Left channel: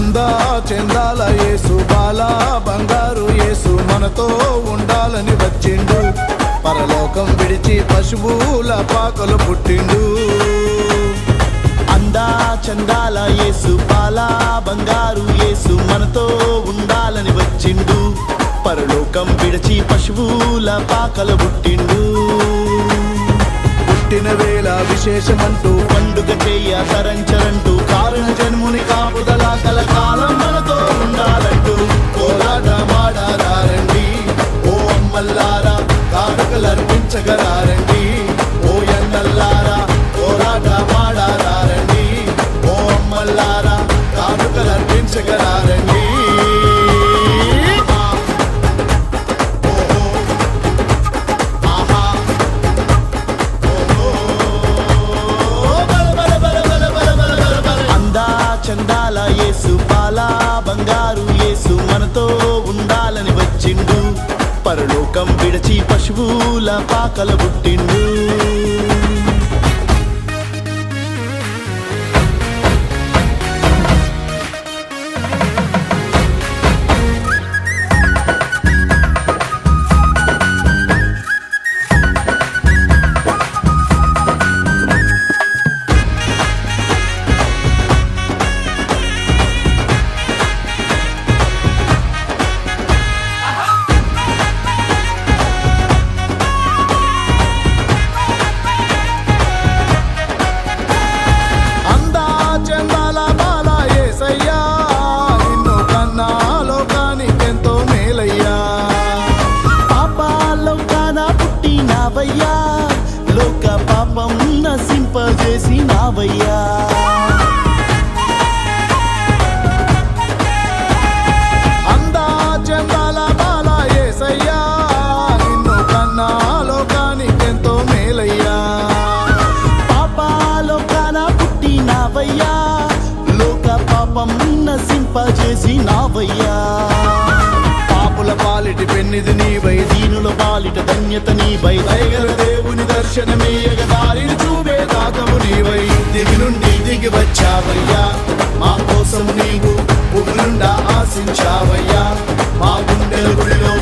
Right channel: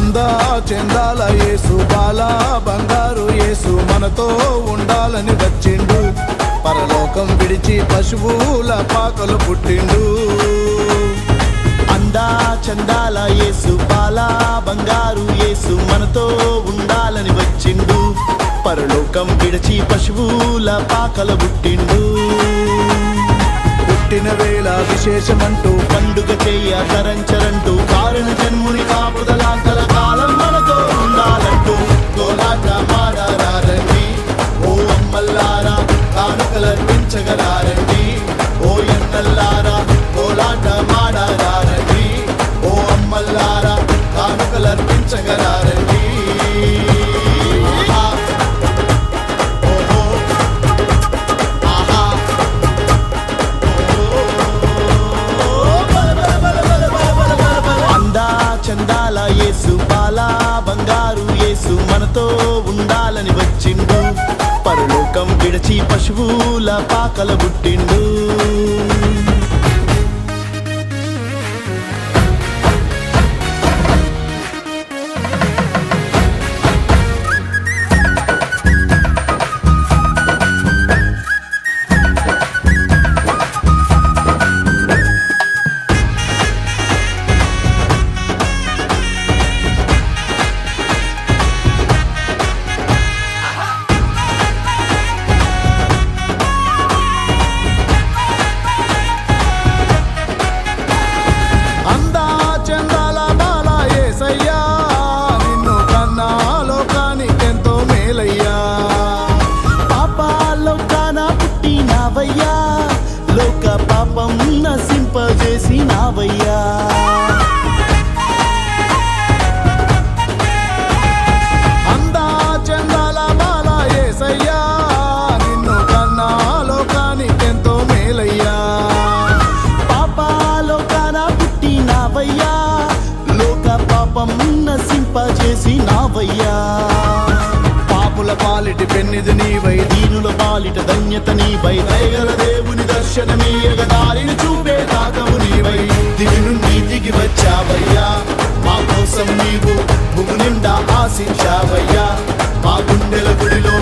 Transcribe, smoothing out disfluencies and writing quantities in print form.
అందా చెందాల యేసు బాలా బంగారు యేసు మనతో ఉండాలని వచ్చిండు పరలోకం విడిచి పశువుల పాకలు పుట్టిండు అందా చందాల యేసు బాలా బంగారు యేసు మనతో ఉండాలని వచ్చిండు పరలోకం విడిచి పశువుల పాకలు పుట్టిండు పుట్టిన వేళ విశేషమంటూ పండుగ చెయ్య తరంచరంటూ కారణ జన్ముని కాపుదల కలకాలం మనతో ఉండాలంటూ కోలాట మాడారండి ఓ అమ్మల్లారా కానుకలర్పించగలారండి ఓ ఎన్నల్లారా కోలాట మాడారండి ఓ అమ్మల్లారా కానుకలర్పించగలారండి చందాల యేసు బాలా బంగారు యేసు మనతో ఉండాలని వచ్చిండు పరలోకం విడిచి పశువుల పాకల పుట్టిండు నిన్ను కన్నా లోకానికెంతో మేలయ్యా పాపాలోకాన పుట్టినావయ్యా లోక పాపం నశింపజేసినావయ్యా అందా చందాల బాలా యేసయ్యా నిన్ను కన్నా లోకానికెంతో మేలయ్యా పాపాలోకాన పుట్టినావయ్యా లోక పాపం నశింపజేసినావయ్యా పాపుల పాలిటి పెన్నిది నీవై దీనుల పాలిట ధన్యత నీవై దయగల దేవుని దర్శనమీయగ దారిని చూపే దాతవు నీవై దిగి నుండి దిగి వచ్చావయ్యా మా కోసం నీవు భూములుండా ఆశించావయ్యా మా గుండెల గుడిలో